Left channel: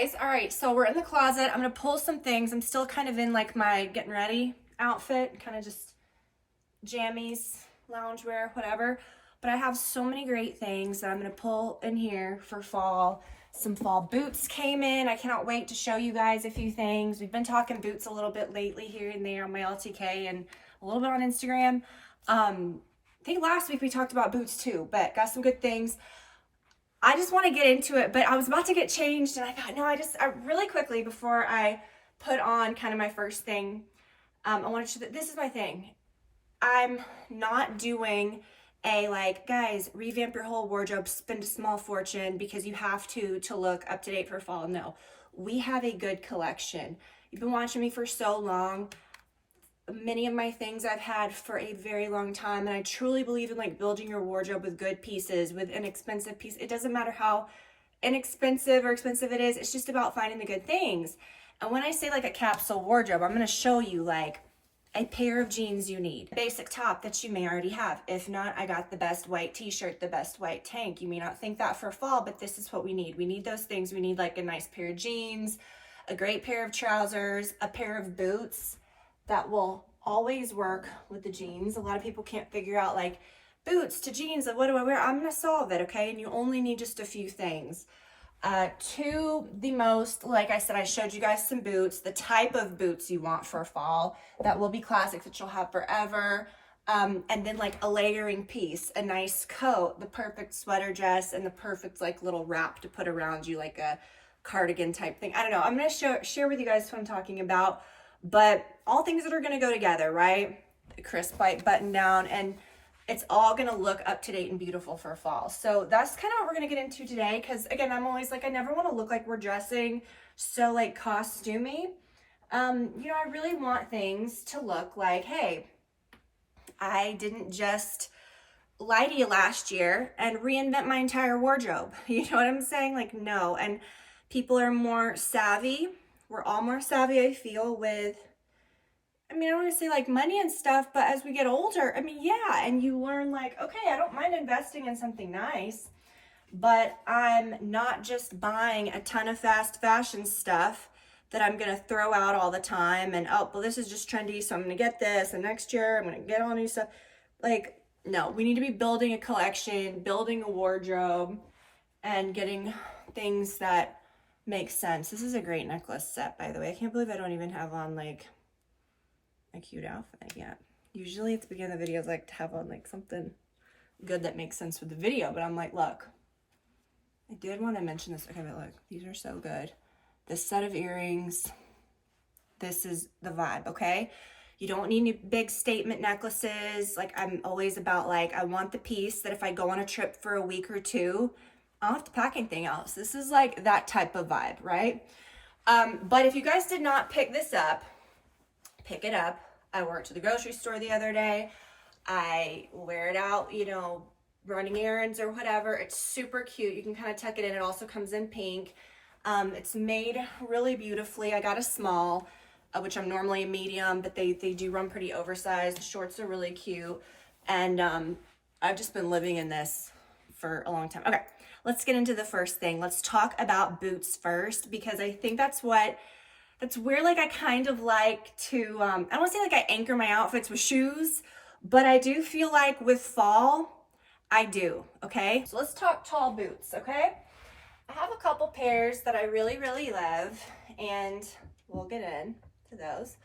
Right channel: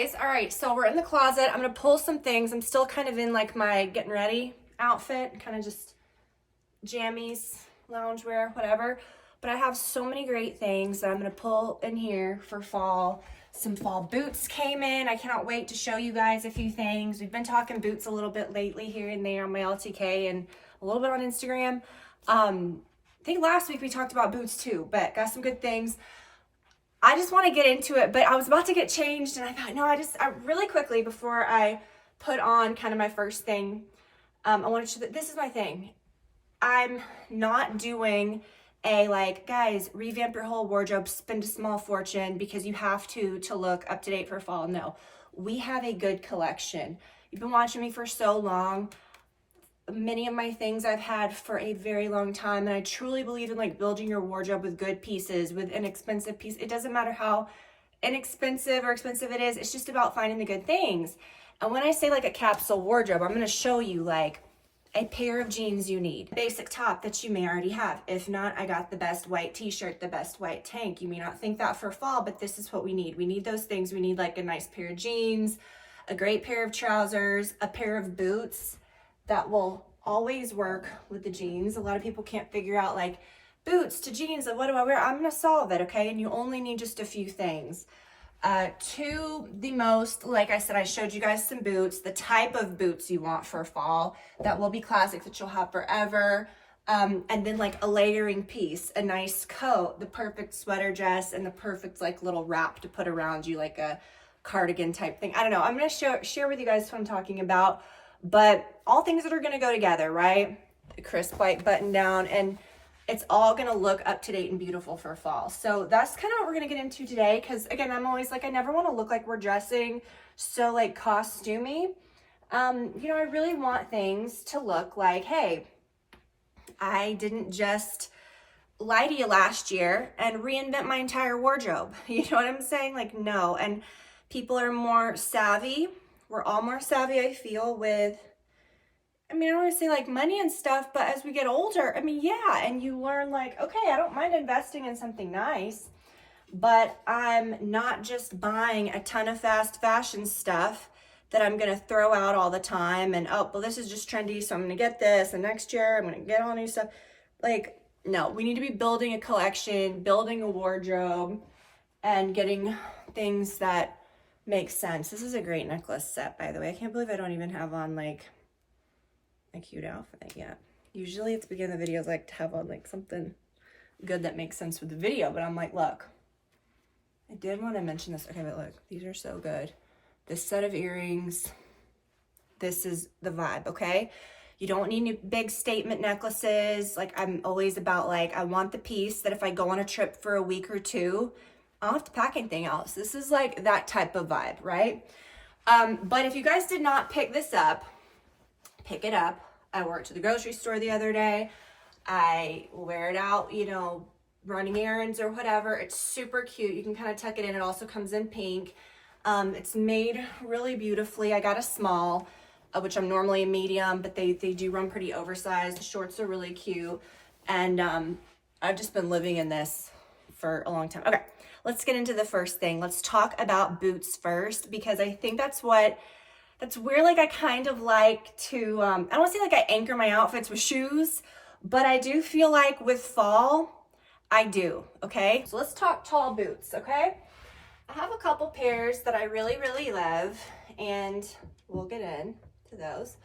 guys. All right, so we're in the closet. I'm gonna pull some things. I'm still kind of in like my getting ready outfit, kind of just jammies, loungewear, whatever. But I have so many great things that I'm gonna pull in here for fall. Some fall boots came in. I cannot wait to show you guys a few things. We've been talking boots a little bit lately here and there on my LTK and a little bit on Instagram. I think last week we talked about boots too, but got some good things. I just want to get into it, but I was about to get changed and I thought, no, I really quickly before I put on kind of my first thing, I wanted to show that this is my thing. I'm not doing a like, guys, revamp your whole wardrobe, spend a small fortune because you have to look up to date for fall. No, we have a good collection. You've been watching me for so long. Many of my things I've had for a very long time, and I truly believe in like building your wardrobe with good pieces, with inexpensive pieces. It doesn't matter how inexpensive or expensive it is, it's just about finding the good things. And when I say like a capsule wardrobe, I'm going to show you like a pair of jeans you need, basic top that you may already have. If not, I got the best white t-shirt, the best white tank. You may not think that for fall, but this is what we need. We need those things. We need like a nice pair of jeans, a great pair of trousers, a pair of boots that will always work with the jeans. A lot of people can't figure out like boots to jeans, like what do I wear? I'm gonna solve it, okay? And you only need just a few things. To the most, like I said, I showed you guys some boots, the type of boots you want for fall that will be classic, that you'll have forever. And then like a layering piece, a nice coat, the perfect sweater dress, and the perfect like little wrap to put around you, like a cardigan type thing. I don't know. I'm gonna share with you guys what I'm talking about. But all things that are going to go together, right? A crisp white button down, and it's all going to look up to date and beautiful for fall. So that's kind of what we're going to get into today. Because again, I'm always like, I never want to look like we're dressing so like costumey. You know, I really want things to look like, hey, I didn't just lie to you last year and reinvent my entire wardrobe. You know what I'm saying? Like, no. And people are more savvy. We're all more savvy, I feel, with, I mean, I don't want to say like money and stuff, but as we get older, I mean, yeah, and you learn like, okay, I don't mind investing in something nice, but I'm not just buying a ton of fast fashion stuff that I'm going to throw out all the time and, oh, well, this is just trendy, so I'm going to get this, and next year I'm going to get all new stuff. Like, no, we need to be building a collection, building a wardrobe, and getting things that makes sense. This is a great necklace set, by the way. I can't believe I don't even have on like a cute outfit yet. Usually at the beginning of the videos I like to have on like something good that makes sense with the video, but I'm like, look, I did want to mention this. Okay, but look, these are so good. This set of earrings, this is the vibe, okay? You don't need any big statement necklaces. Like, I'm always about like, I want the piece that if I go on a trip for a week or two, I don't have to pack anything else. This is like that type of vibe, right? But if you guys did not pick this up, pick it up. I wore it to the grocery store the other day. I wear it out, you know, running errands or whatever. It's super cute. You can kind of tuck it in. It also comes in pink. It's made really beautifully. I got a small, which I'm normally a medium, but they do run pretty oversized. The shorts are really cute. And I've just been living in this for a long time. Okay, let's get into the first thing. Let's talk about boots first, because I think that's where like I kind of like to, I don't want to say like I anchor my outfits with shoes, but I do feel like with fall, I do, okay? So let's talk tall boots, okay? I have a couple pairs that I really, really love, and we'll get into those.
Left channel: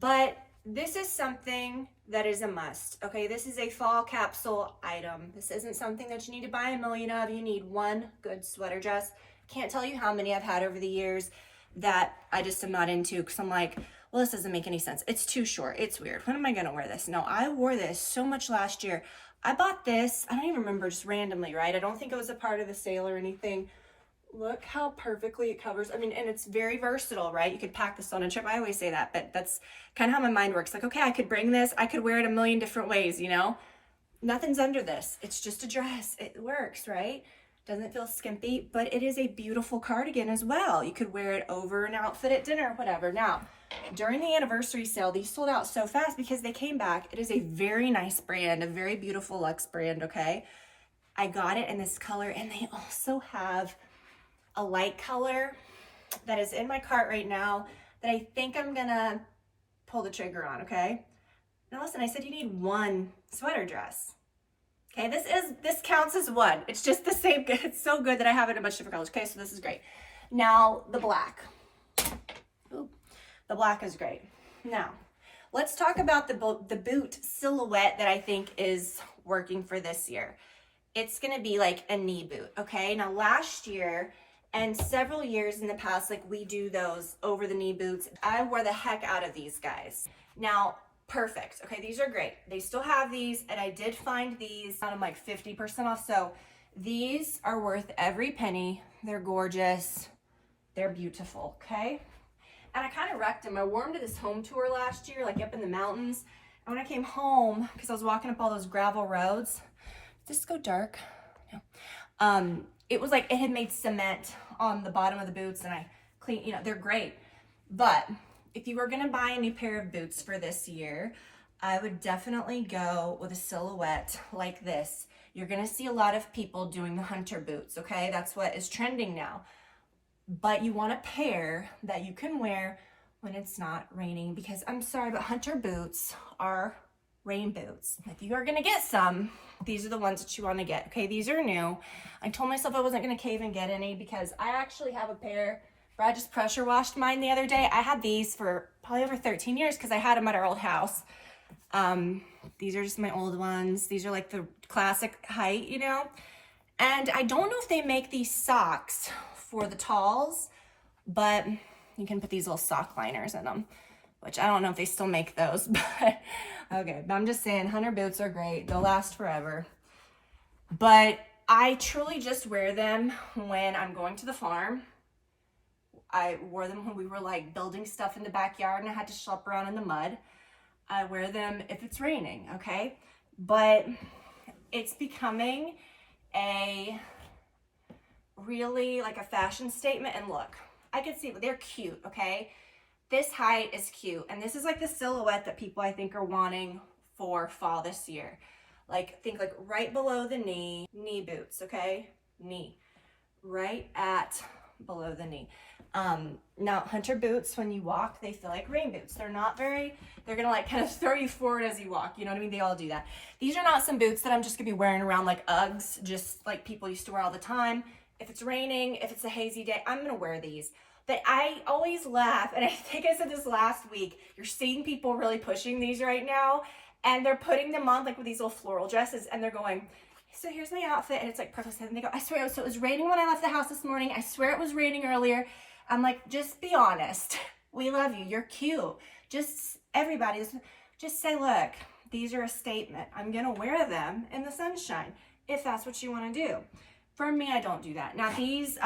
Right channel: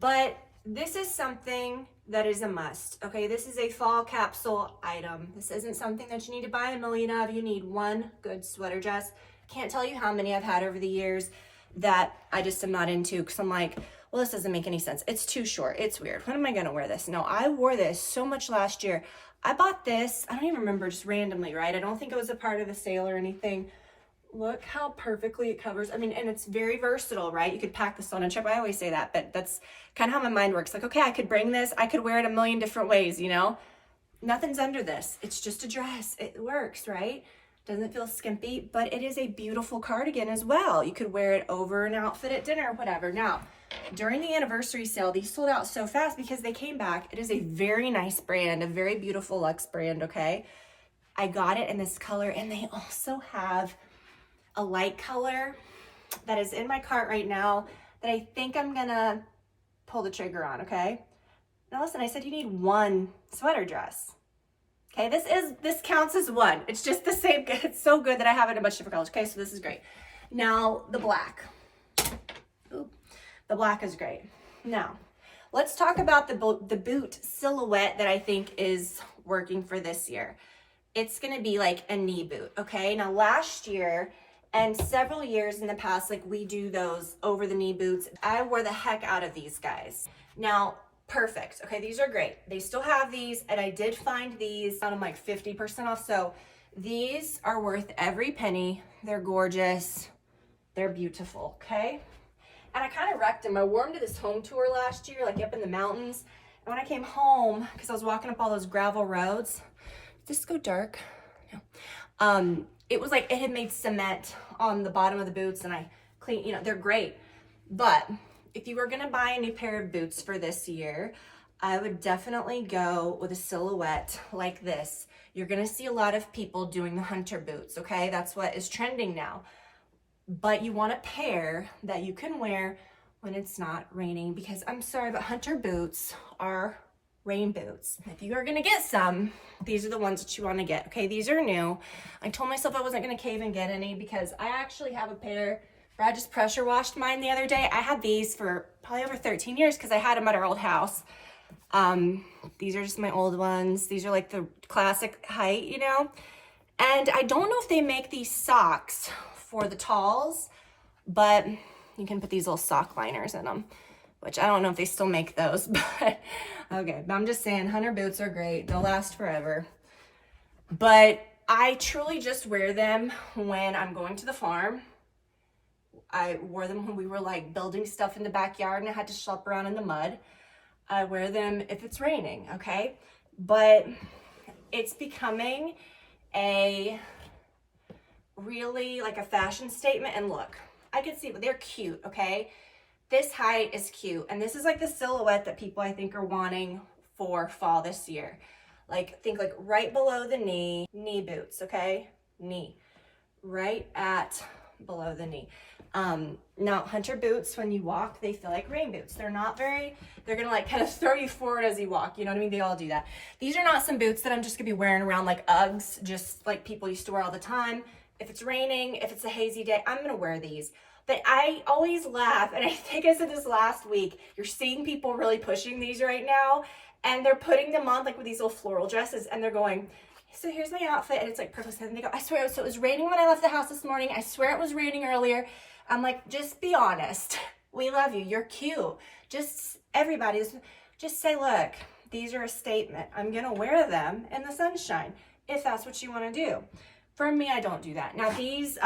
But this is something that is a must, okay? This is a fall capsule item. This isn't something that you need to buy a million of. You need one good sweater dress. Can't tell you how many I've had over the years that I just am not into, because I'm like, well, this doesn't make any sense. It's too short. It's weird. When am I going to wear this? No, I wore this so much last year. I bought this, I don't even remember, just randomly, right? I don't think it was a part of the sale or anything. Look how perfectly it covers. I mean, and it's very versatile, right? You could pack this on a trip. I always say that, but that's kind of how my mind works. Like, okay, I could bring this. I could wear it a million different ways, you know? Nothing's under this. It's just a dress. It works, right? Doesn't feel skimpy, but it is a beautiful cardigan as well. You could wear it over an outfit at dinner or whatever. Now, during the anniversary sale, these sold out so fast because they came back. It is a very nice brand, a very beautiful luxe brand, okay? I got it in this color, and they also have a light color that is in my cart right now that I think I'm gonna pull the trigger on, okay? Now listen, I said you need one sweater dress. Okay, this counts as one. It's just the same, it's so good that I have it in a bunch of different colors. Okay, so this is great. Now the black. Ooh, the black is great. Now, let's talk about the boot silhouette that I think is working for this year. It's gonna be like a knee boot, okay? Now last year and several years in the past, like we do those over the knee boots. I wore the heck out of these guys. Now, perfect, okay, these are great. They still have these, and I did find these on like 50% off, so these are worth every penny. They're gorgeous, they're beautiful, okay? And I kind of wrecked them. I wore them to this home tour last year, like up in the mountains, and when I came home, because I was walking up all those gravel roads, did this go dark? No. It was like it had made cement on the bottom of the boots, and I cleaned, you know, they're great. But if you were gonna buy a new pair of boots for this year, I would definitely go with a silhouette like this. You're gonna see a lot of people doing the hunter boots, okay? That's what is trending now. But you want a pair that you can wear when it's not raining, because I'm sorry, but hunter boots are rain boots. If you are gonna get some, these are the ones that you wanna get, okay? These are new. I told myself I wasn't gonna cave and get any because I actually have a pair where I just pressure washed mine the other day. I had these for probably over 13 years because I had them at our old house. These are just my old ones. These are like the classic height, you know? And I don't know if they make these socks for the talls, but you can put these little sock liners in them, which I don't know if they still make those, but okay. But I'm just saying, hunter boots are great. They'll last forever. But I truly just wear them when I'm going to the farm. I wore them when we were like building stuff in the backyard and I had to schlep around in the mud. I wear them if it's raining, okay? But it's becoming a really like a fashion statement. And look, I can see they're cute, okay? This height is cute, and this is like the silhouette that people I think are wanting for fall this year. Like think like right below the knee boots, okay? Knee, right at below the knee. Now hunter boots, when you walk, they feel like rain boots. They're gonna like kind of throw you forward as you walk, you know what I mean? They all do that. These are not some boots that I'm just gonna be wearing around like Uggs, just like people used to wear all the time. If it's raining, if it's a hazy day, I'm gonna wear these. But I always laugh, and I think I said this last week, you're seeing people really pushing these right now, and they're putting them on like with these little floral dresses, and they're going, so here's my outfit, and it's like perfect. And they go, I swear, so it was raining when I left the house this morning. I swear it was raining earlier. I'm like, just be honest. We love you. You're cute. Just everybody, just say, look, these are a statement. I'm gonna wear them in the sunshine if that's what you want to do. For me, I don't do that. Now these,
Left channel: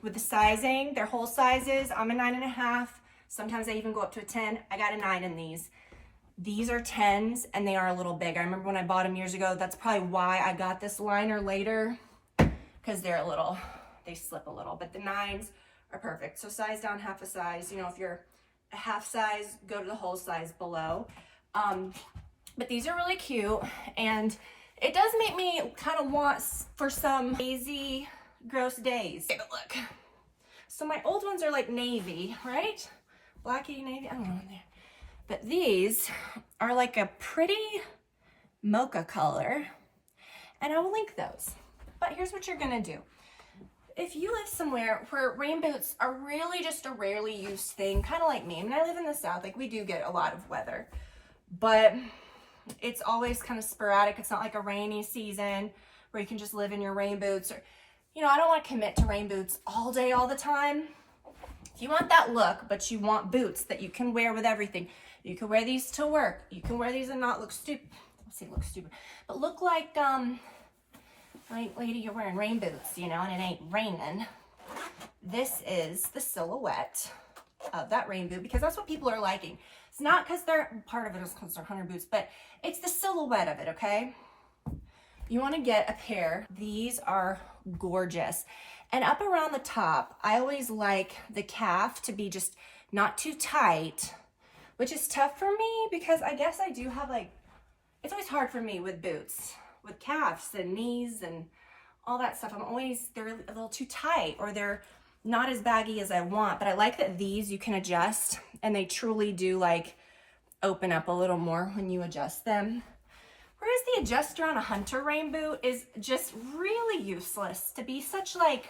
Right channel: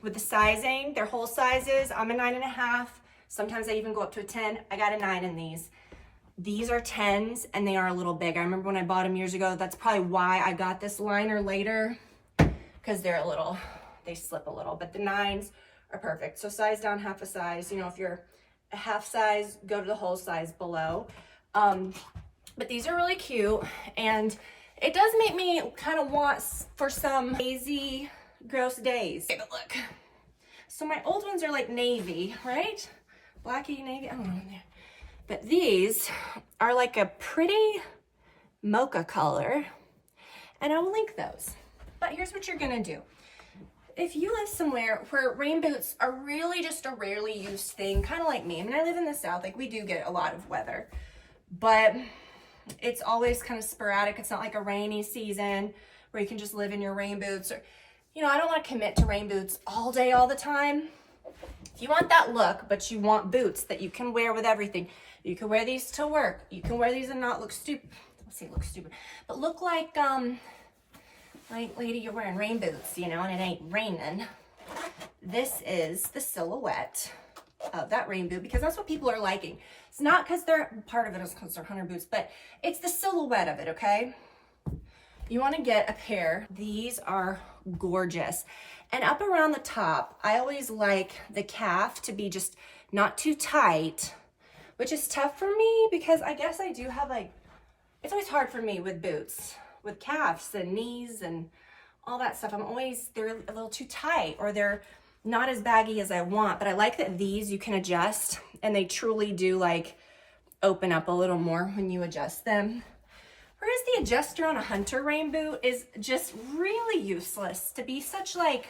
with the sizing, they're whole sizes. I'm a 9.5. Sometimes I even go up to a 10. I got a 9 in these. These are 10s and they are a little big. I remember when I bought them years ago, that's probably why I got this liner later, because they're a little, they slip a little, but the 9s are perfect. So size down half a size. You know, if you're a half size, go to the whole size below. But these are really cute, and it does make me kind of want for some lazy, gross days. Take a look. So my old ones are like navy, right? Blacky navy, I don't know in there. But these are like a pretty mocha color, and I will link those. But here's what you're gonna do. If you live somewhere where rain boots are really just a rarely used thing, kind of like me. I mean, I live in the South, like we do get a lot of weather, but it's always kind of sporadic. It's not like a rainy season where you can just live in your rain boots. Or, you know, I don't want to commit to rain boots all day, all the time. If you want that look, but you want boots that you can wear with everything, you can wear these to work. You can wear these and not look stupid. Let's say look stupid, but look like, right, lady, you're wearing rain boots, you know, and it ain't raining. This is the silhouette of that rain boot, because that's what people are liking. It's not because they're, part of it is because they're hunter boots, but it's the silhouette of it, okay? You want to get a pair. These are gorgeous. And up around the top, I always like the calf to be just not too tight, which is tough for me because I guess I do have like, it's always hard for me with boots, with calves and knees and all that stuff. They're a little too tight, or they're not as baggy as I want, but I like that these you can adjust, and they truly do like open up a little more when you adjust them. Whereas the adjuster on a hunter rain boot is just really useless to be such like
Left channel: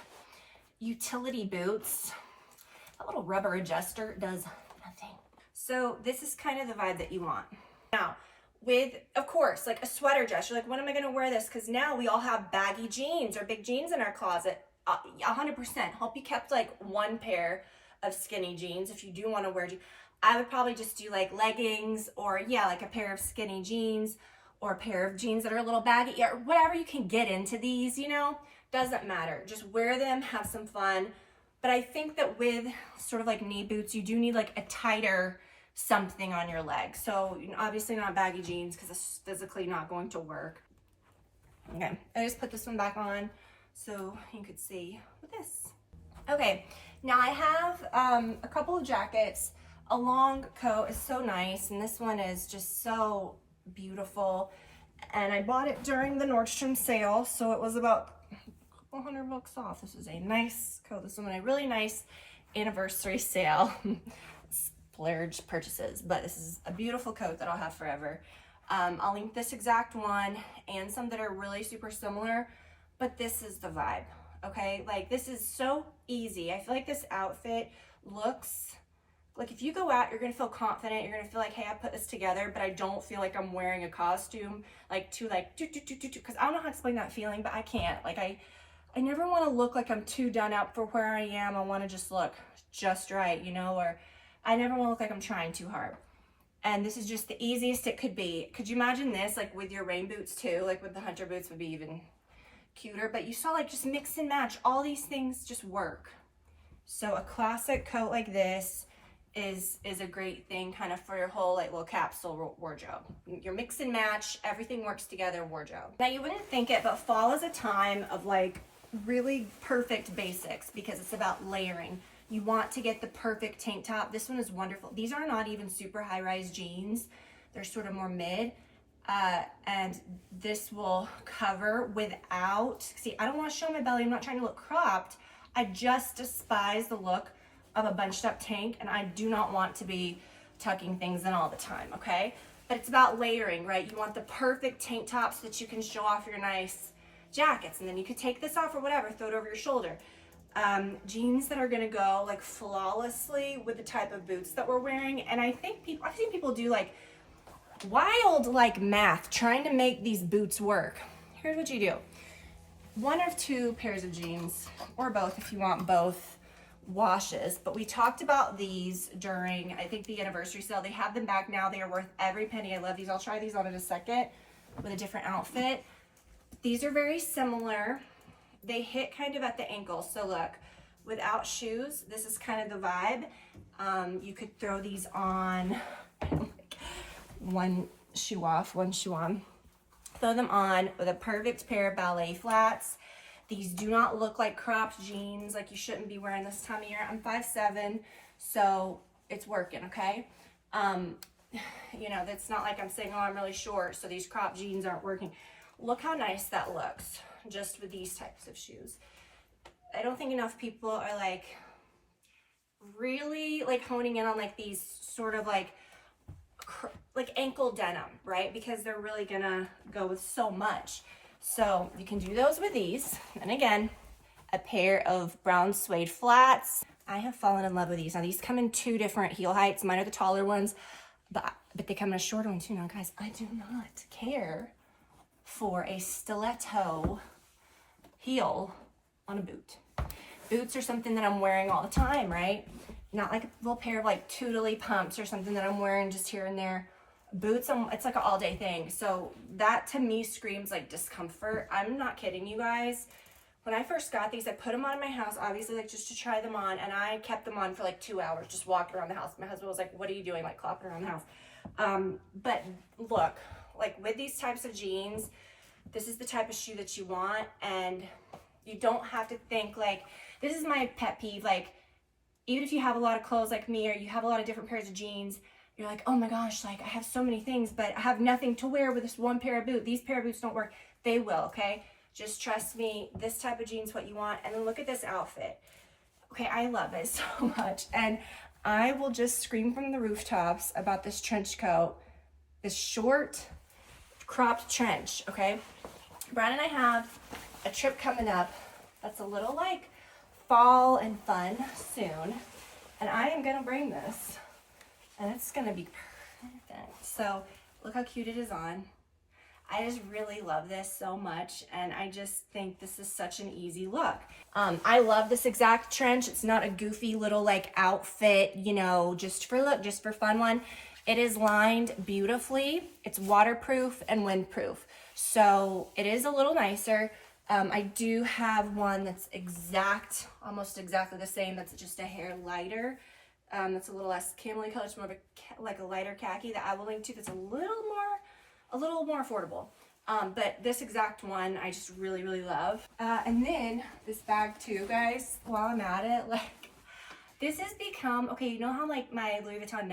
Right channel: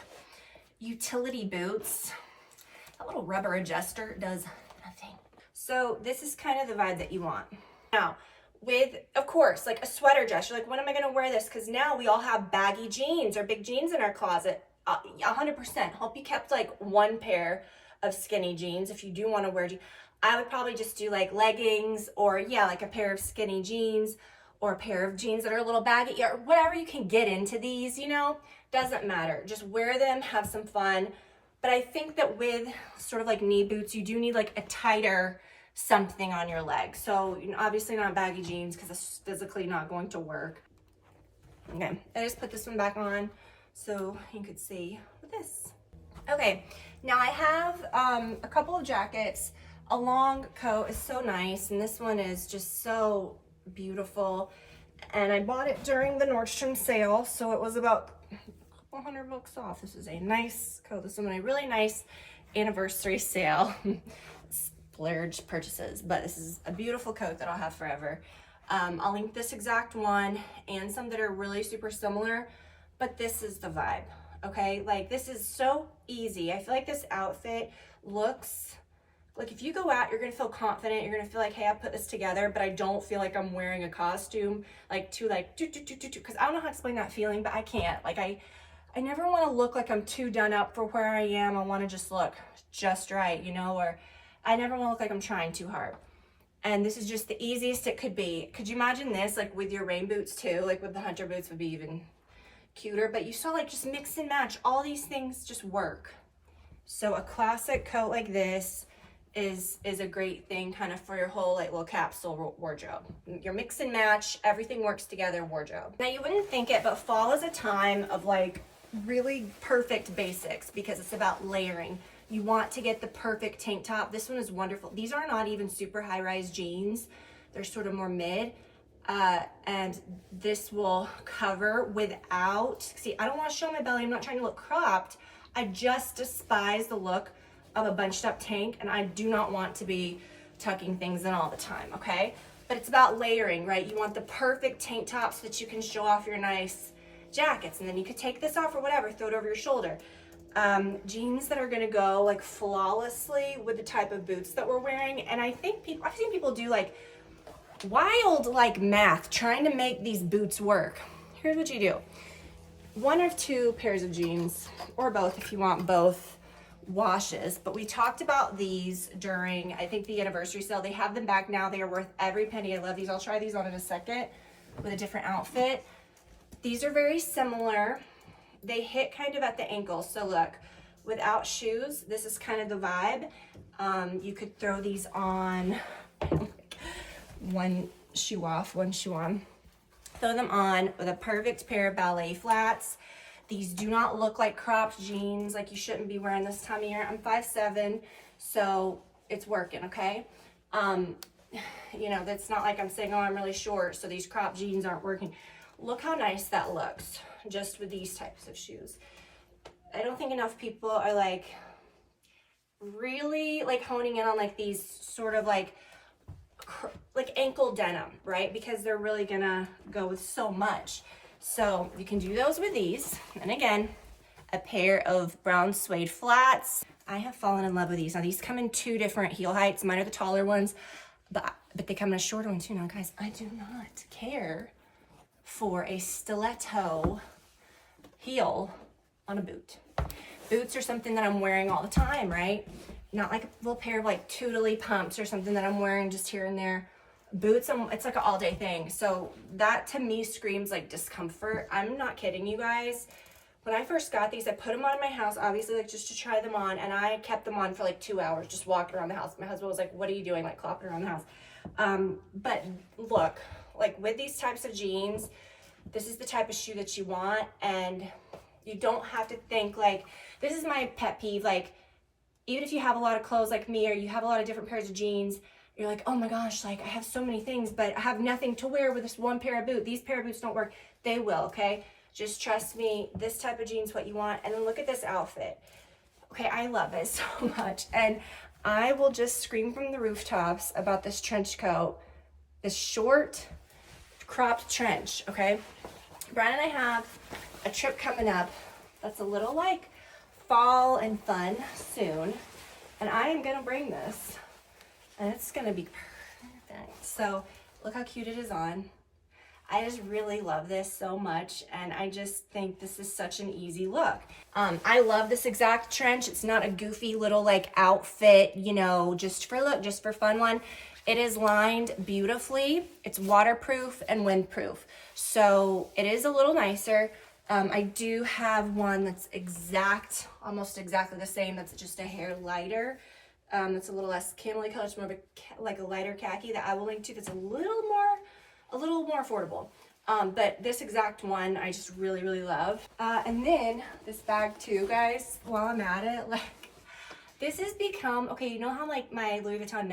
utility boots. That little rubber adjuster does nothing. So this is kind of the vibe that you want. Now, with, of course, like a sweater dress, you're like, when am I gonna wear this? Because now we all have baggy jeans or big jeans in our closet. 100%. Hope you kept like one pair of skinny jeans if you do want to wear jeans. I would probably just do like leggings, or yeah, like a pair of skinny jeans, or a pair of jeans that are a little baggy, or whatever you can get into these, you know, doesn't matter. Just wear them, have some fun. But I think that with sort of like knee boots, you do need like a tighter something on your leg. So you know, obviously not baggy jeans because it's physically not going to work. Okay, I just put this one back on so you could see with this. Okay, now I have a couple of jackets. A long coat is so nice, and this one is just so beautiful. And I bought it during the Nordstrom sale, so it was about a couple $100 off. This is a nice coat. This is a really nice anniversary sale. Splurge purchases, but this is a beautiful coat that I'll have forever. I'll link this exact one and some that are really super similar, but this is the vibe, okay? Like, this is so easy. I feel like this outfit looks like, if you go out, you're gonna feel confident, you're gonna feel like, hey, I put this together, but I don't feel like I'm wearing a costume, like to like because I don't know how to explain that feeling, but I can't. Like, I never wanna look like I'm too done up for where I am. I wanna just look just right, you know, or I never wanna look like I'm trying too hard. And this is just the easiest it could be. Could you imagine this, like with your rain boots too? Like with the hunter boots would be even cuter, but you saw, like, just mix and match. All these things just work. So a classic coat like this is a great thing kind of for your whole like little capsule wardrobe. Your mix and match, everything works together wardrobe. Now you wouldn't think it, but fall is a time of like really perfect basics because it's about layering. You want to get the perfect tank top. This one is wonderful. These are not even super high-rise jeans. They're sort of more mid. And this will cover without, see, I don't want to show my belly. I'm not trying to look cropped. I just despise the look of a bunched up tank, and I do not want to be tucking things in all the time, okay? But it's about layering, right? You want the perfect tank top so that you can show off your nice jackets, and then you could take this off or whatever, throw it over your shoulder. Jeans that are gonna go like flawlessly with the type of boots that we're wearing. And I think I've seen people do like wild like math trying to make these boots work. Here's what you do. 1 or 2 pairs of jeans, or both if you want both washes. But we talked about these during, I think, the anniversary sale. They have them back now. They are worth every penny. I love these. I'll try these on in a second with a different outfit. These are very similar. They hit kind of at the ankle. So look, without shoes, this is kind of the vibe. You could throw these on, one shoe off, one shoe on. Throw them on with a perfect pair of ballet flats. These do not look like cropped jeans, like you shouldn't be wearing this time of year. I'm 5'7", so it's working, okay? You know, that's not like I'm saying, oh, I'm really short, so these cropped jeans aren't working. Look how nice that looks just with these types of shoes. I don't think enough people are like really like honing in on like these sort of like ankle denim, right? Because they're really gonna go with so much. So you can do those with these. And again, a pair of brown suede flats. I have fallen in love with these. Now these come in 2 different heel heights. Mine are the taller ones, but they come in a shorter one too. Now guys, I do not care for a stiletto heel on a boot. Boots are something that I'm wearing all the time, right? Not like a little pair of like tootly pumps or something that I'm wearing just here and there. Boots, it's like an all day thing. So that to me screams like discomfort. I'm not kidding you guys. When I first got these, I put them on in my house, obviously like just to try them on, and I kept them on for like 2 hours, just walking around the house. My husband was like, what are you doing? Like clopping around the house. But look, like with these types of jeans, this is the type of shoe that you want, and you don't have to think like, this is my pet peeve, like even if you have a lot of clothes like me, or you have a lot of different pairs of jeans, you're like, oh my gosh, like I have so many things, but I have nothing to wear with this one pair of boots. These pair of boots don't work. They will, okay? Just trust me, this type of jeans what you want. And then look at this outfit. Okay, I love it so much. And I will just scream from the rooftops about this trench coat, this short cropped trench, okay? Brian and I have a trip coming up that's a little like fall and fun soon. And I am gonna bring this and it's gonna be perfect. So look how cute it is on. I just really love this so much, and I just think this is such an easy look. I love this exact trench. It's not a goofy little like outfit, you know, just for look, just for fun one. It is lined beautifully. It's waterproof and windproof. So it is a little nicer. I do have one that's almost exactly the same. That's just a hair lighter. That's a little less camel color. It's more of like a lighter khaki that I will link to. That's a little more affordable. But this exact one I just really, really love. And then this bag too, guys, while I'm at it, like this has become, okay, you know how like my Louis Vuitton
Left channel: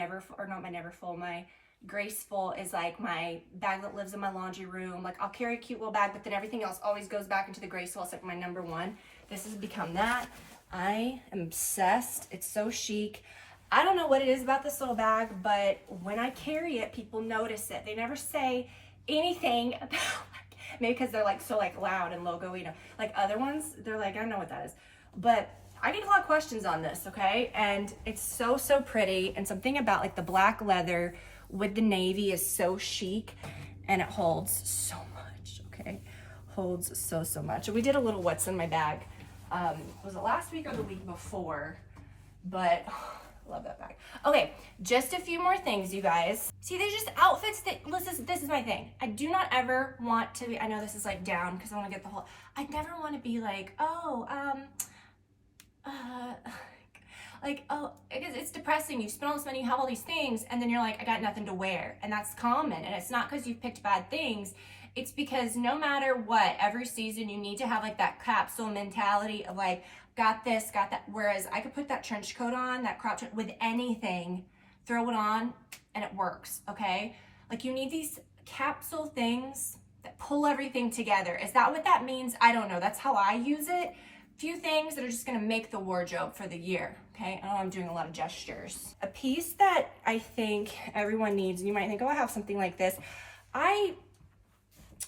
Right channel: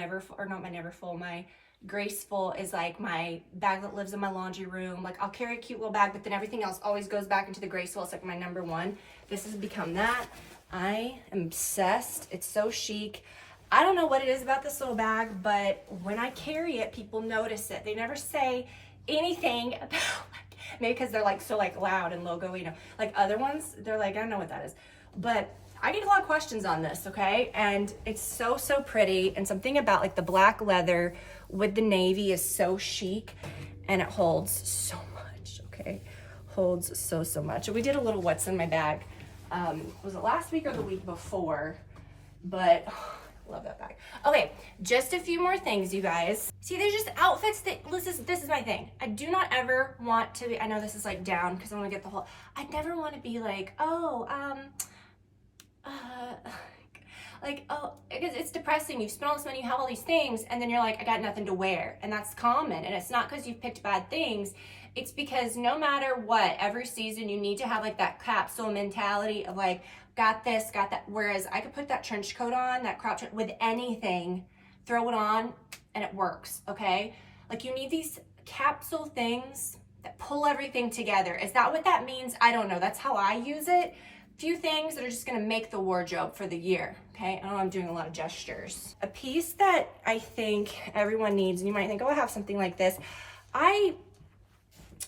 my Graceful is like my bag that lives in my laundry room. Like I'll carry a cute little bag, but then everything else always goes back into the Graceful. It's like my number one. This has become that. I am obsessed. It's so chic. I don't know what it is about this little bag, but when I carry it, people notice it. They never say anything about, like, maybe because they're like so like loud and logo, you know, like other ones, they're like, I don't know what that is. But I get a lot of questions on this, okay? And it's so, so pretty. And something about like the black leather with the navy is so chic, and it holds so much, okay? Holds so, so much. We did a little what's in my bag. Was it last week or the week before? But love that bag. Okay, just a few more things, you guys. See, there's just outfits that, this is my thing. I do not ever want to be, I know this is like down because I want to get the whole, I never want to be like, oh, because it's depressing. You've spent all this money, you have all these things, and then you're like, I got nothing to wear. And that's common. And it's not because you've picked bad things. It's because no matter what, every season you need to have like that capsule mentality of like, got this, got that. Whereas I could put that trench coat on, that crop trench, with anything, throw it on, and it works, okay? Like you need these capsule things that pull everything together. Is that what that means? I don't know. That's how I use it. Few things that are just gonna make the wardrobe for the year, okay? I know I'm doing a lot of gestures. A piece that I think everyone needs, and you might think, oh, I have something like this. I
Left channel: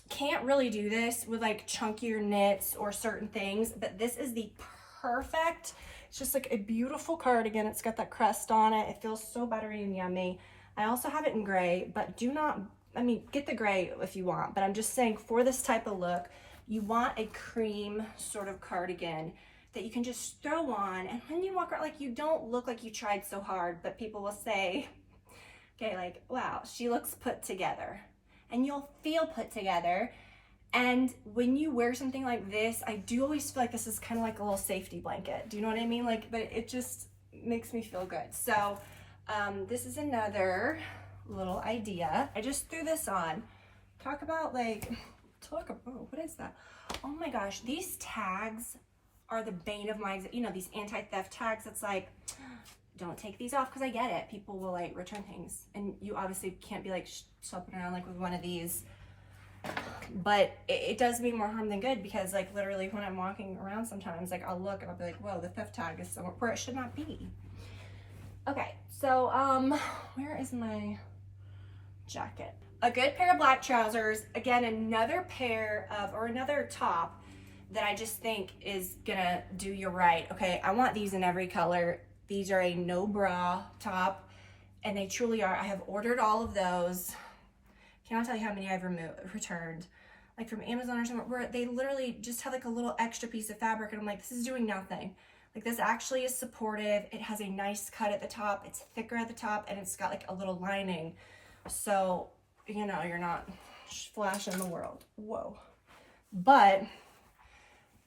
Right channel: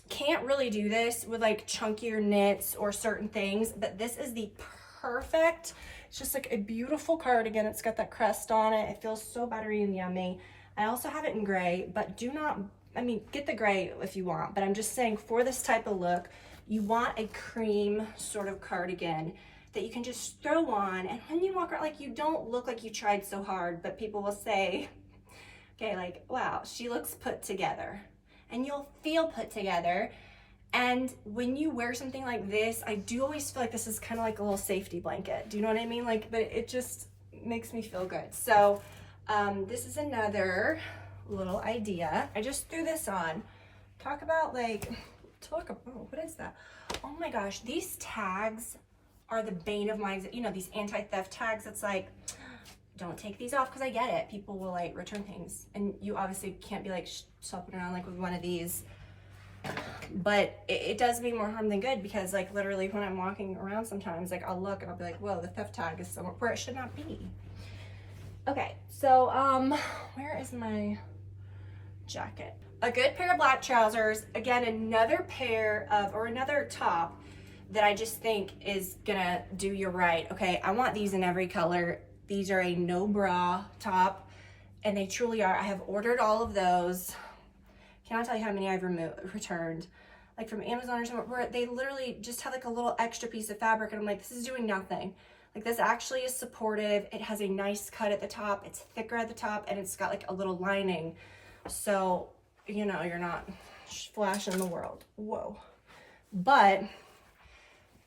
can't really do this with like chunkier knits or certain things, but this is the perfect, it's just like a beautiful cardigan. It's got that crest on it. It feels so buttery and yummy. I also have it in gray, but get the gray if you want, but I'm just saying for this type of look, you want a cream sort of cardigan that you can just throw on, and when you walk around, like you don't look like you tried so hard, but people will say, okay, like, wow, she looks put together, and you'll feel put together. And when you wear something like this, I do always feel like this is kind of like a little safety blanket. Do you know what I mean? Like, but it just makes me feel good. So this is another little idea. I just threw this on. What is that? Oh my gosh, these tags are the bane of my, you know, these anti-theft tags. It's like, don't take these off, because I get it. People will like return things, and you obviously can't be like shopping around like with one of these. But it does me more harm than good, because like literally when I'm walking around sometimes, like I'll look and I'll be like, whoa, the theft tag is somewhere where it should not be. Okay, so where is my jacket? A good pair of black trousers. Again, another top that I just think is gonna do you right. Okay, I want these in every color. These are a no bra top, and they truly are. I have ordered all of those. Cannot tell you how many I've returned, like from Amazon or somewhere, where they literally just have like a little extra piece of fabric, and I'm like, this is doing nothing. Like this actually is supportive. It has a nice cut at the top. It's thicker at the top, and it's got like a little lining. So, you know, you're not flashing the world. Whoa. But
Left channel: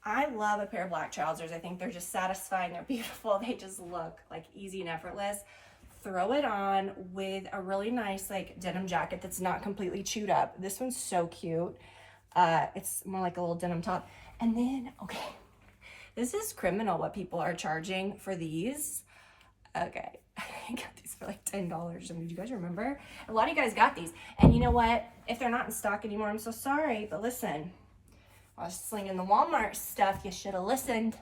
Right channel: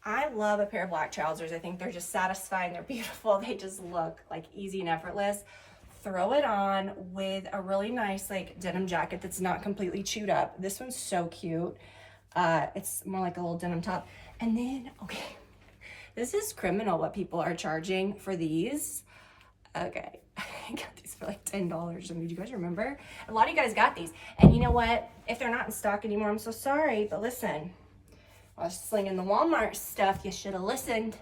I love a pair of black trousers. I think they're just satisfying. They're beautiful. They just look like easy and effortless. Throw it on with a really nice like denim jacket that's not completely chewed up. This one's so cute. It's more like a little denim top. And then, okay, this is criminal what people are charging for these. Okay, I got these for like $10. I mean, do you guys remember? A lot of you guys got these. And you know what? If they're not in stock anymore, I'm so sorry. But listen, I was slinging the Walmart stuff. You should have listened.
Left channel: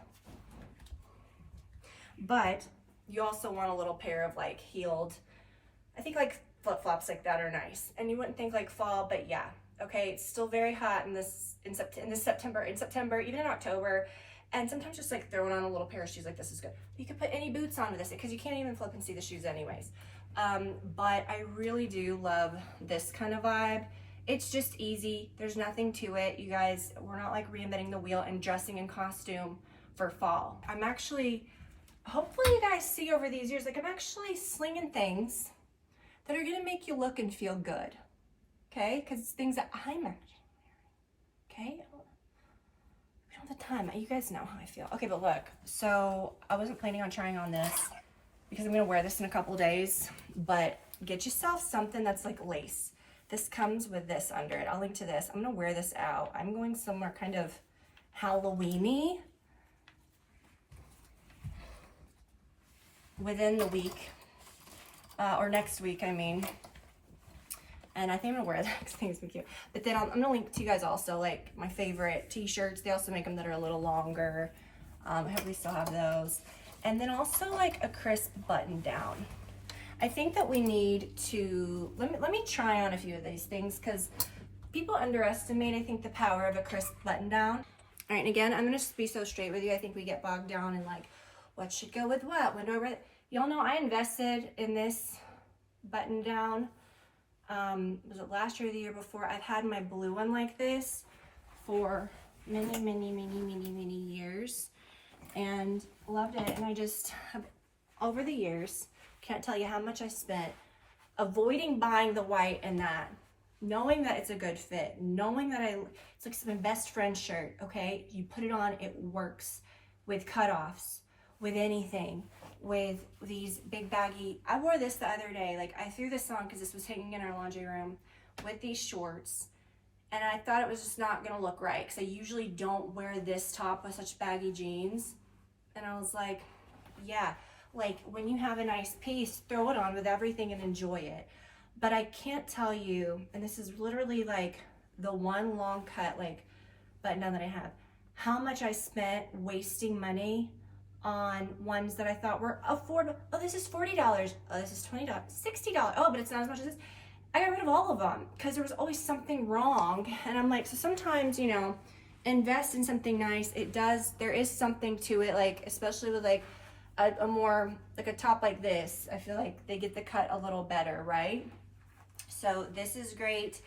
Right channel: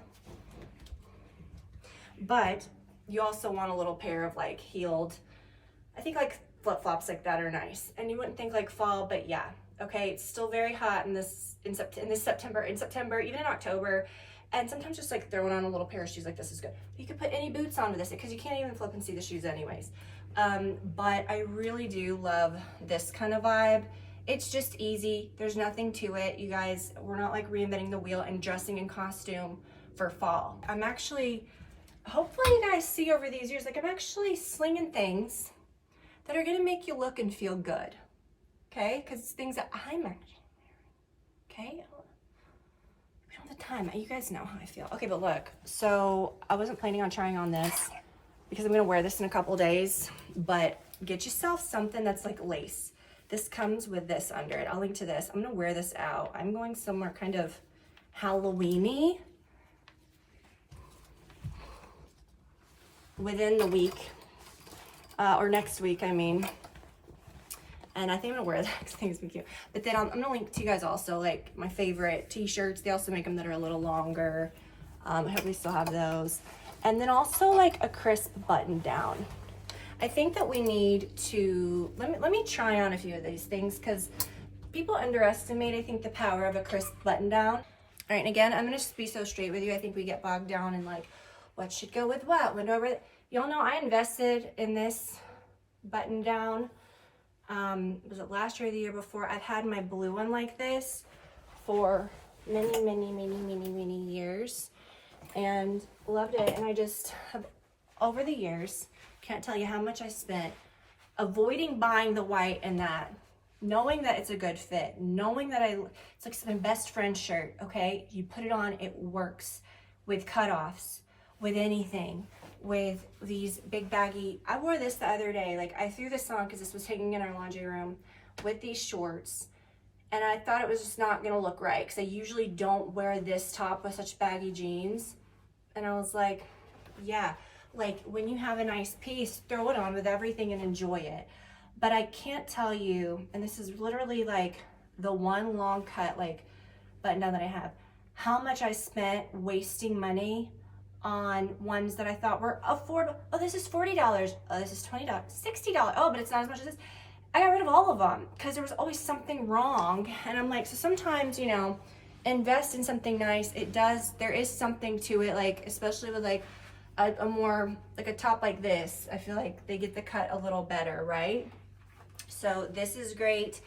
But you also want a little pair of like heeled, I think like flip-flops like that are nice. And you wouldn't think like fall, but yeah. Okay, it's still very hot in September, even in October. And sometimes just like throwing on a little pair of shoes like this is good. You could put any boots onto this because you can't even flip and see the shoes anyways. But I really do love this kind of vibe. It's just easy. There's nothing to it. You guys, we're not like reinventing the wheel and dressing in costume for fall. I'm actually, hopefully you guys see over these years, like I'm actually slinging things that are gonna make you look and feel good. Okay, because it's things that I'm actually wearing. Okay, we don't have the time. You guys know how I feel. Okay, but look, so I wasn't planning on trying on this because I'm gonna wear this in a couple days, but get yourself something that's like lace. This comes with this under it. I'll link to this. I'm gonna wear this out. I'm going somewhere kind of Halloween-y within the week, or next week, I mean. And I think I'm gonna wear that because I think it's gonna be cute. But then I'm gonna link to you guys also like my favorite t-shirts. They also make them that are a little longer. I hope we still have those. And then also like a crisp button down. I think that we need to, let me try on a few of these things because people underestimate, I think, the power of a crisp button down. All right, and again, I'm gonna just be so straight with you. I think we get bogged down in like, what should go with what? When do I wear it? Y'all know I invested in this button down. Was it last year or the year before? I've had my blue one like this for many years and loved it. And I just have, over the years, can't tell you how much I spent avoiding buying the white and that, knowing that it's a good fit, knowing that it's like my best friend's shirt, okay? You put it on, it works with cutoffs, with anything. With these big baggy, I wore this the other day, like I threw this on because this was hanging in our laundry room with these shorts, and I thought it was just not gonna look right because I usually don't wear this top with such baggy jeans, and I was like, yeah, like when you have a nice piece, throw it on with everything and enjoy it. But I can't tell you, and this is literally like the one long cut like button down that I have, how much I spent wasting money on ones that I thought were affordable. Oh, this is $40. Oh, this is $20, $60. Oh, but it's not as much as this. I got rid of all of them because there was always something wrong. And I'm like, so sometimes, you know, invest in something nice. There is something to it, like, especially with like a more, like a top like this. I feel like they get the cut a little better, right? So this is great.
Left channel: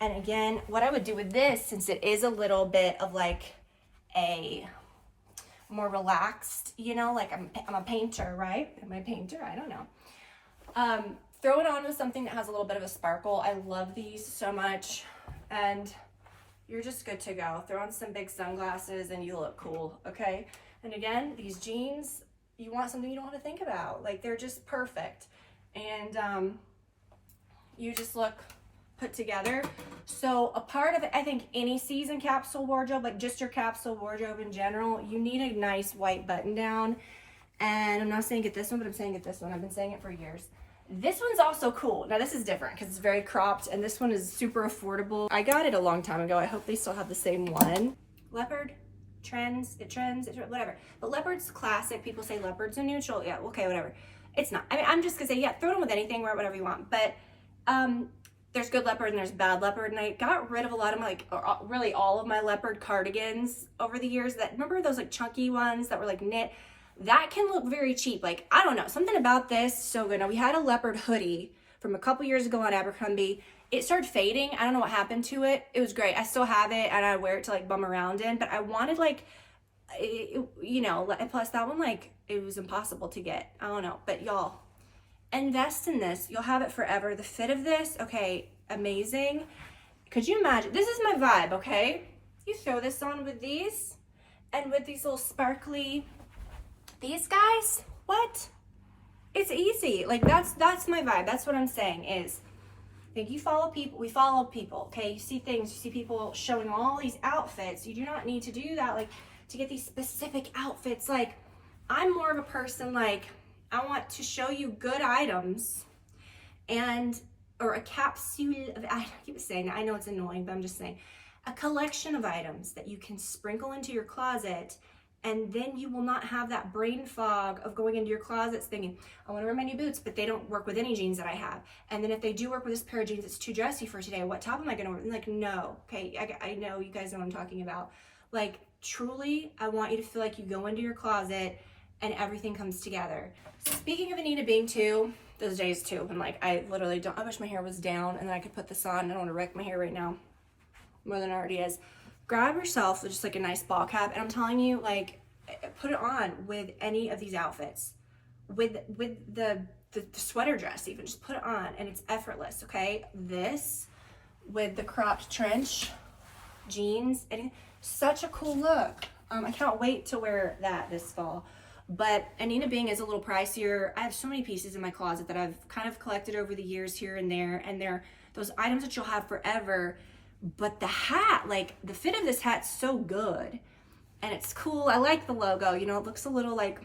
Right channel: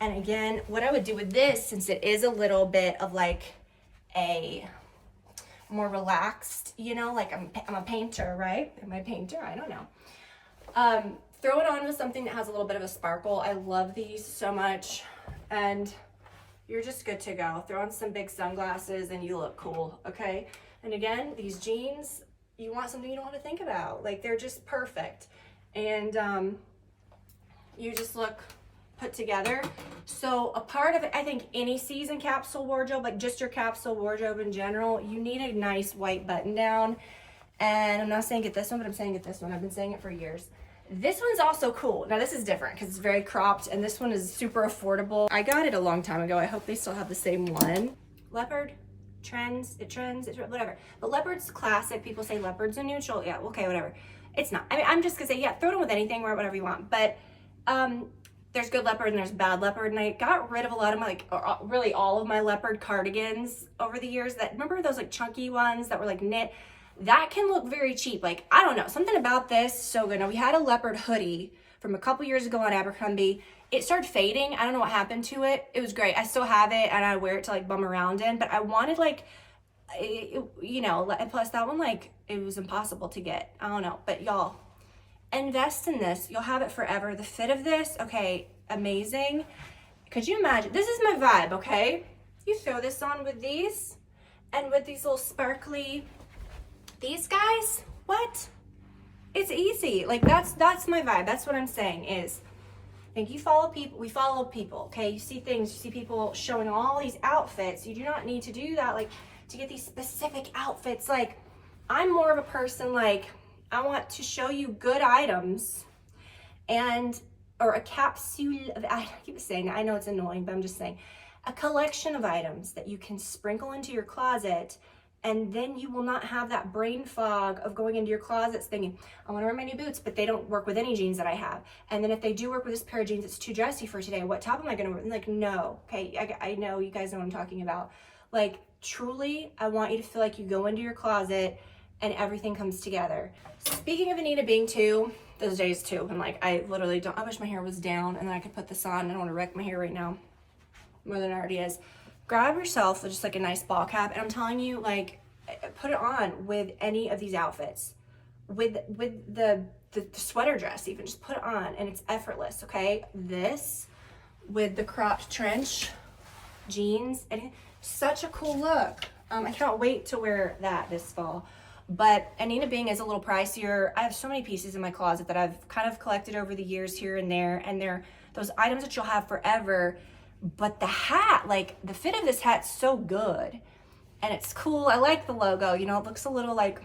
And again, what I would do with this, since it is a little bit of like a more relaxed, you know, like I'm a painter, right? Am I a painter? I don't know. Throw it on with something that has a little bit of a sparkle. I love these so much. And you're just good to go. Throw on some big sunglasses and you look cool, okay? And again, these jeans, you want something you don't have to think about. Like they're just perfect. And you just look put together. So a part of it, I think any season capsule wardrobe, like just your capsule wardrobe in general, you need a nice white button down. And I'm not saying get this one, but I'm saying get this one. I've been saying it for years. This one's also cool. Now this is different because it's very cropped and this one is super affordable. I got it a long time ago. I hope they still have the same one. Leopard trends, whatever. But Leopard's classic. People say Leopard's a neutral. Yeah, okay, whatever. It's not. I mean, I'm just gonna say, yeah, throw it on with anything, wear whatever you want. But there's good Leopard and there's bad Leopard, and I got rid of a lot of my, like, really all of my Leopard cardigans over the years. That, remember those like chunky ones that were like knit? That can look very cheap. Like, I don't know, something about this, so good. Now we had a Leopard hoodie from a couple years ago on Abercrombie. It started fading. I don't know what happened to it. It was great. I still have it and I wear it to like bum around in, but I wanted like, you know, and plus that one, like, it was impossible to get. I don't know, but y'all, invest in this. You'll have it forever. The fit of this, okay, amazing. Could you imagine? This is my vibe, okay? You throw this on with these and with these little sparkly, these guys, what? It's easy. Like that's my vibe. That's what I'm saying is, I think you follow people, we follow people, okay? You see things, you see people showing all these outfits. You do not need to do that, like, to get these specific outfits. Like, I'm more of a person, like, I want to show you good items and, or a capsule of, I keep saying that, I know it's annoying, but I'm just saying, a collection of items that you can sprinkle into your closet And then you will not have that brain fog of going into your closets thinking, I want to wear my new boots, but they don't work with any jeans that I have. And then if they do work with this pair of jeans, it's too dressy for today. What top am I going to wear? Like, no. Okay, I know you guys know what I'm talking about. Like, truly, I want you to feel like you go into your closet and everything comes together. Speaking of Anita Bing too, those days too, I'm like, I literally don't, I wish my hair was down and then I could put this on. I don't want to wreck my hair right now more than it already is. Grab yourself just like a nice ball cap, and I'm telling you, like, put it on with any of these outfits, with the sweater dress even, just put it on and it's effortless. Okay, this with the cropped trench jeans, and such a cool look. I can't wait to wear that this fall. But Anita Bing is a little pricier. I have so many pieces in my closet that I've kind of collected over the years here and there, and they're those items that you'll have forever. But the hat, like the fit of this hat's so good and it's cool. I like the logo, you know, it looks a little like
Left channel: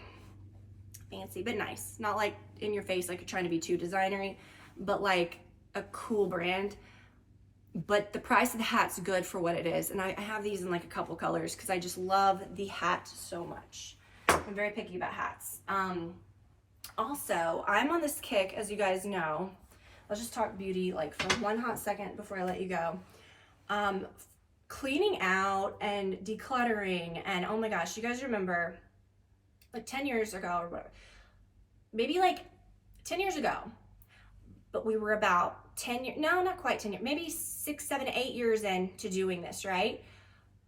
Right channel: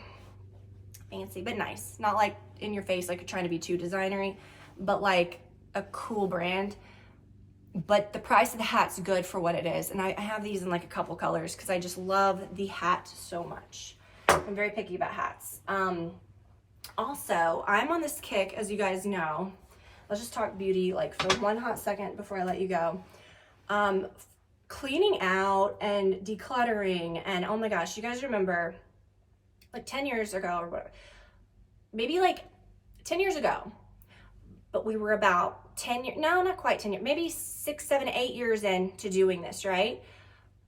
fancy but nice, not like in your face like you're trying to be too designery, but like a cool brand. But the price of the hat's good for what it is, and I have these in like a couple colors because I just love the hat so much. I'm very picky about hats. Also, I'm on this kick, as you guys know. Let's just talk beauty like for one hot second before I let you go. Cleaning out and decluttering, and oh my gosh, you guys remember like 10 years ago or whatever, maybe like 10 years ago, but we were about 10 years, no, not quite 10 years, maybe 6, 7, 8 years into doing this, right?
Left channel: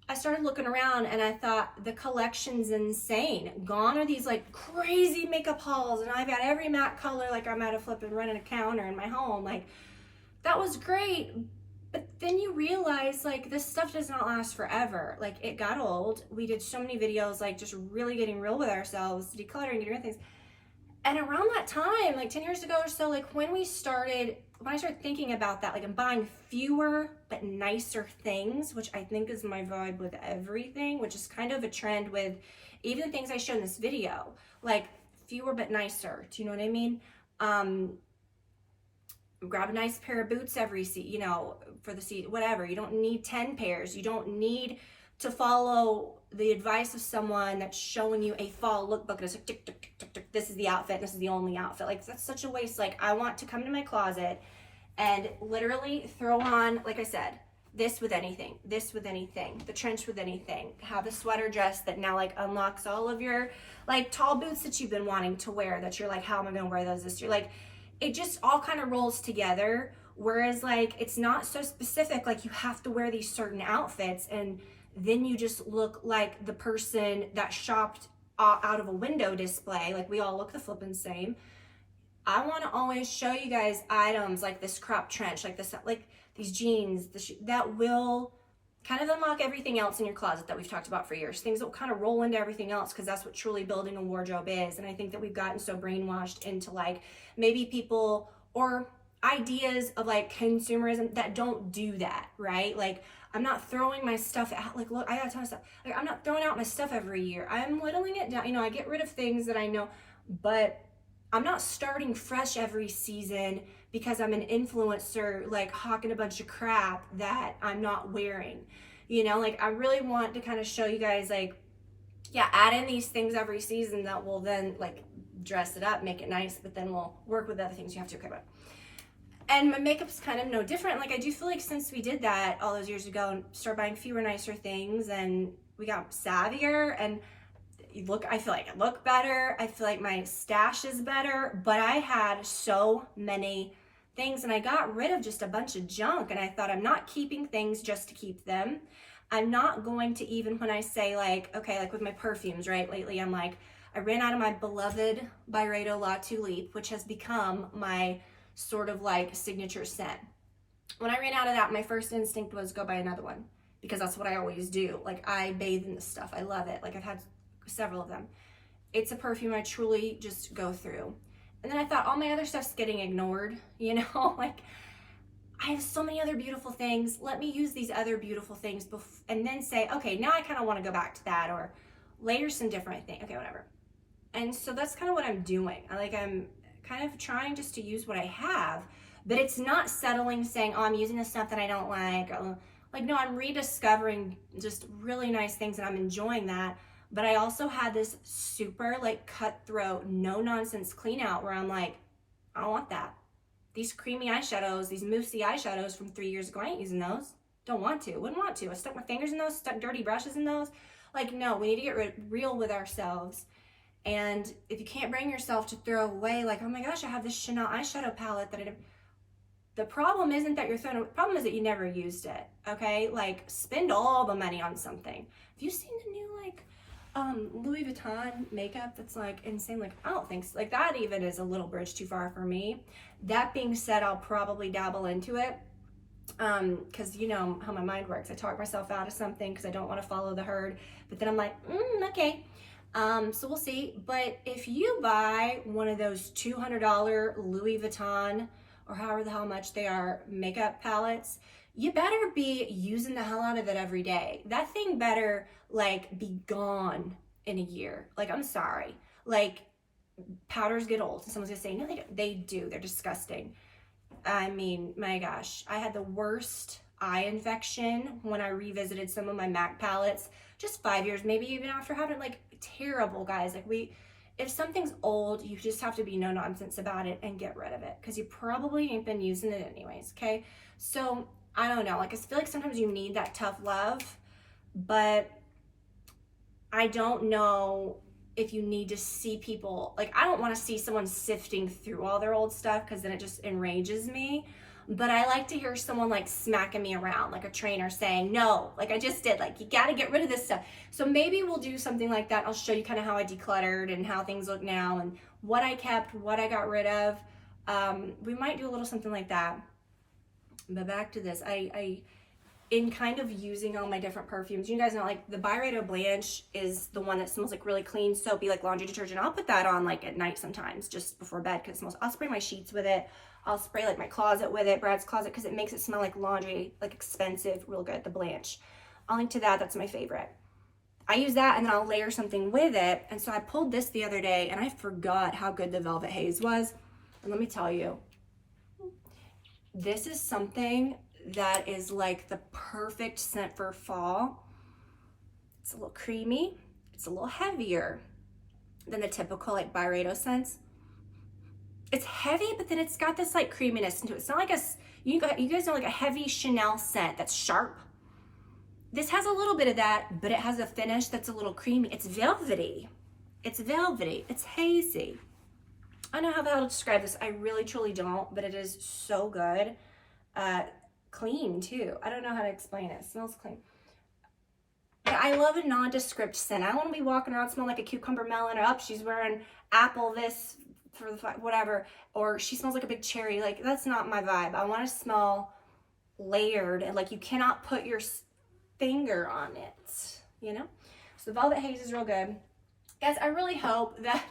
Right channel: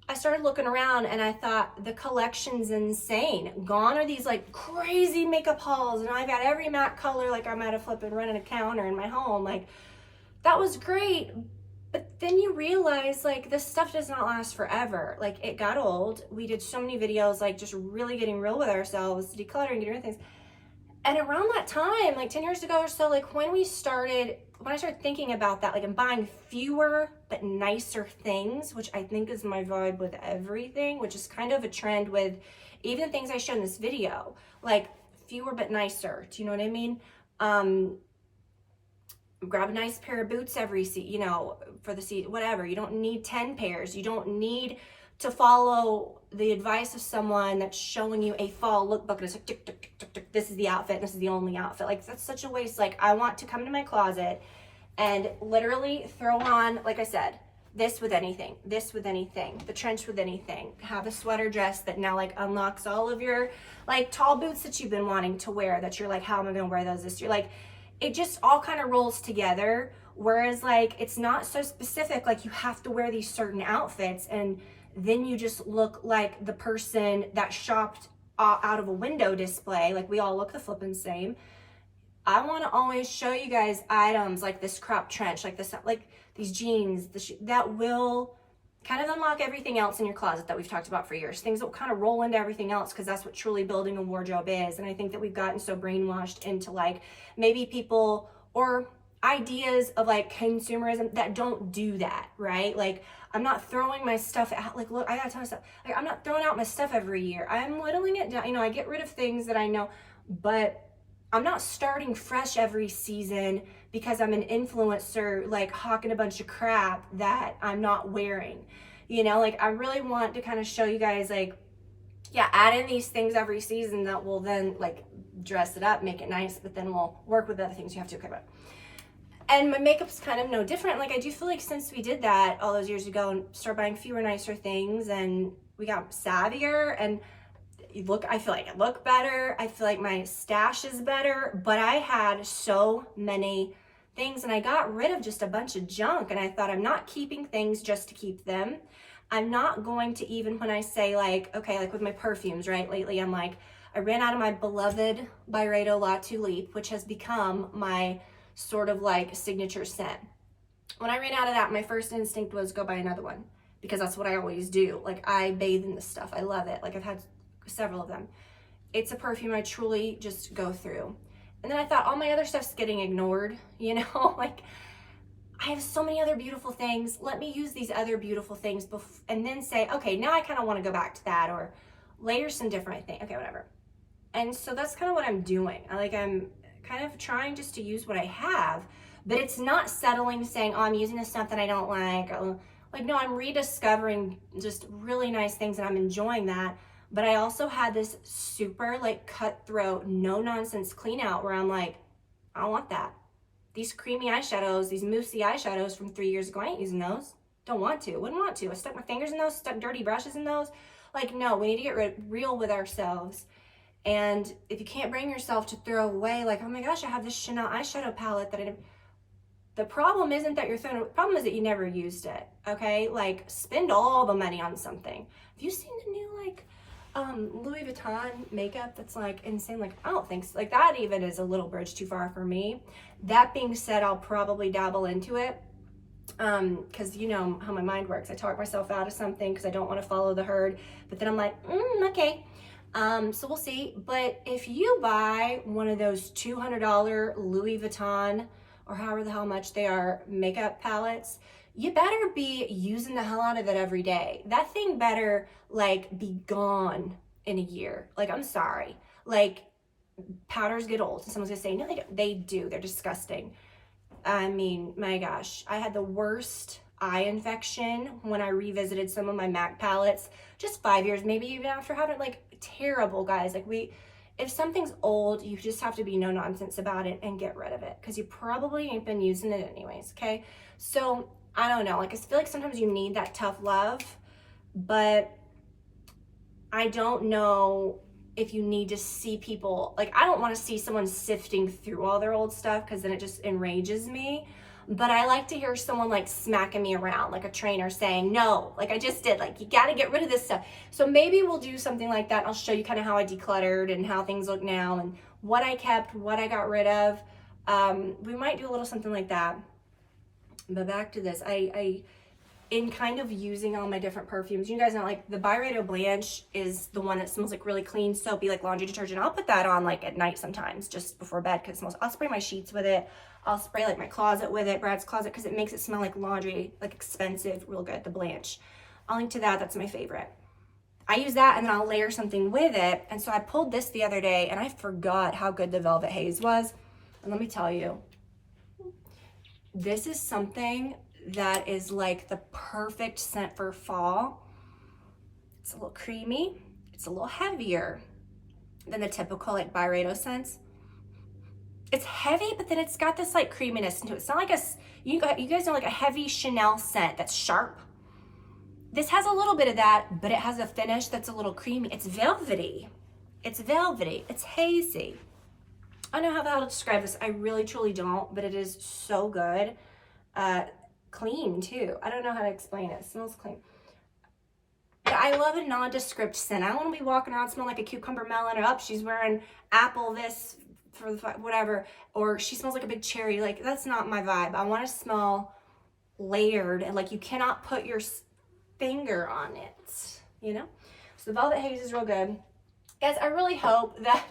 I started looking around and I thought the collection's insane. Gone are these like crazy makeup hauls, and I've got every matte color, like I'm at a flipping running a counter in my home. Like, that was great. But then you realize like this stuff does not last forever. Like, it got old. We did so many videos, like just really getting real with ourselves, decluttering, getting rid of things. And around that time, like 10 years ago or so, like when I started thinking about that, like I'm buying fewer but nicer things, which I think is my vibe with everything, which is kind of a trend with even things I showed in this video, like fewer but nicer. Do you know what I mean? Grab a nice pair of boots every you know, for the seat, whatever. You don't need 10 pairs. You don't need to follow the advice of someone that's showing you a fall lookbook and it's like tick, tick, tick, tick, tick, this is the outfit, this is the only outfit. Like, that's such a waste. Like, I want to come to my closet and literally throw on, like I said, this with anything, this with anything, the trench with anything, have a sweater dress that now like unlocks all of your like tall boots that you've been wanting to wear, that you're like, how am I gonna wear those this year? Like, it just all kind of rolls together. Whereas like, it's not so specific, like you have to wear these certain outfits and then you just look like the person that shopped out of a window display. Like, we all look the flippin' same. I want to always show you guys items like this crop trench, like this, like these jeans, that will kind of unlock everything else in your closet that we've talked about for years. Things that will kind of roll into everything else, because that's what truly building a wardrobe is. And I think that we've gotten so brainwashed into like maybe people or ideas of like consumerism that don't do that, right? Like, I'm not throwing my stuff out. Like, look, I got a ton of stuff. Like, I'm not throwing out my stuff every year. I'm whittling it down. You know, I get rid of things that I know, but I'm not starting fresh every season because I'm an influencer, like hawking a bunch of crap that I'm not wearing. You know, like, I really want to kind of show you guys, like, yeah, add in these things every season that will then like dress it up, make it nice, but then we'll work with other things you have to, okay, about. And my makeup's kind of no different. Like, I do feel like since we did that all those years ago and started buying fewer, nicer things, and we got savvier, and I feel like I look better. I feel like my stash is better, but I had so many things and I got rid of just a bunch of junk. And I thought, I'm not keeping things just to keep them. I'm not going to, even when I say like, okay, like with my perfumes, right? Lately, I'm like, I ran out of my beloved Byredo La Tulipe, which has become my sort of like signature scent. When I ran out of that, my first instinct was go buy another one, because that's what I always do. Like, I bathe in this stuff. I love it. Like, I've had several of them. It's a perfume I truly just go through. And then I thought, all my other stuff's getting ignored, you know? Like, I have so many other beautiful things. Let me use these other beautiful things and then say, okay, now I kind of want to go back to that, or later some different thing. Okay, whatever. And so that's kind of what I'm doing. I'm kind of trying just to use what I have, but it's not settling saying, oh, I'm using this stuff that I don't like. Like, no, I'm rediscovering just really nice things and I'm enjoying that. But I also had this super like cutthroat, no nonsense clean out where I'm like, I don't want that. These creamy eyeshadows, these moussey eyeshadows from 3 years ago, I ain't using those. Don't want to, wouldn't want to. I stuck my fingers in those, stuck dirty brushes in those. Like, no, we need to get real with ourselves. And if you can't bring yourself to throw away, like, oh my gosh, I have this Chanel eyeshadow palette that the problem isn't that you're throwing, the problem is that you never used it, okay? Like, spend all the money on something. Have you seen the new, like, Louis Vuitton makeup that's, like, insane? Like, I don't think so. Like, that even is a little bridge too far for me. That being said, I'll probably dabble into it, because you know how my mind works. I talk myself out of something because I don't want to follow the herd, but then I'm like, okay. So we'll see. But if you buy one of those $200 Louis Vuitton or however the hell much they are makeup palettes, you better be using the hell out of it every day. That thing better like be gone in a year. Like, I'm sorry. Like, powders get old. And someone's gonna say, no, they do. They're disgusting. I mean, my gosh, I had the worst eye infection when I revisited some of my MAC palettes just 5 years, maybe even after having it. Like, terrible, guys. Like, if something's old, you just have to be no nonsense about it and get rid of it, because you probably ain't been using it anyways, okay? So I don't know, like, I feel like sometimes you need that tough love, but I don't know if you need to see people, like, I don't want to see someone sifting through all their old stuff, because then it just enrages me. But I like to hear someone like smacking me around, like a trainer saying, no, like I just did, like, you got to get rid of this stuff. So maybe we'll do something like that. I'll show you kind of how I decluttered and how things look now and what I kept, what I got rid of. We might do a little something like that. But back to this, in kind of using all my different perfumes, you guys know, like, the Byredo Blanche is the one that smells like really clean, soapy, like laundry detergent. I'll put that on like at night sometimes, just before bed, because it smells. I'll spray my sheets with it. I'll spray like my closet with it, Brad's closet, because it makes it smell like laundry, like expensive, real good, the Blanche. I'll link to that. That's my favorite. I use that, and then I'll layer something with it. And so I pulled this the other day, and I forgot how good the Velvet Haze was. And let me tell you, this is something that is like the perfect scent for fall. It's a little creamy. It's a little heavier than the typical like Byredo scents. It's heavy, but then it's got this like creaminess into it. It's not like you guys know, like a heavy Chanel scent that's sharp. This has a little bit of that, but it has a finish that's a little creamy. It's velvety. It's velvety. It's hazy. I don't know how the hell to describe this. I really, truly don't, but it is so good. Clean too. I don't know how to explain it. It smells clean. But I love a nondescript scent. I don't want to be walking around smelling like a cucumber melon, or she's wearing apple this for the whatever, or she smells like a big cherry. Like, that's not my vibe. I want to smell layered, and like you cannot put your finger on it, you know? So the Velvet Haze is real good. Guys, I really hope that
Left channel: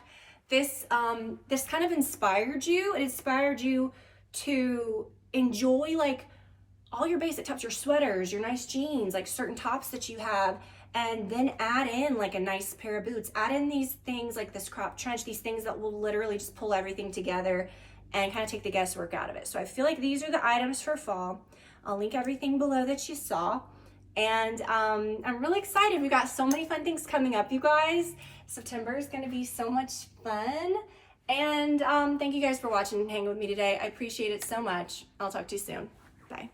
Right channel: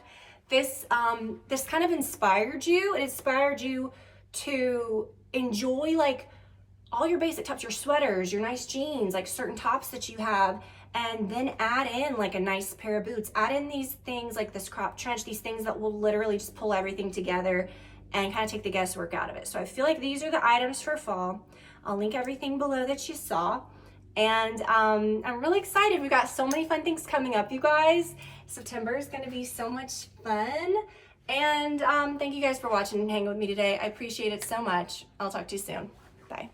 this kind of inspired you. It inspired you to enjoy like all your basic tops, your sweaters, your nice jeans, like certain tops that you have, and then add in like a nice pair of boots. Add in these things like this crop trench, these things that will literally just pull everything together and kind of take the guesswork out of it. So I feel like these are the items for fall. I'll link everything below that you saw. And I'm really excited. We've got so many fun things coming up, you guys. September is going to be so much fun. And thank you guys for watching and hanging with me today. I appreciate it so much. I'll talk to you soon. Bye.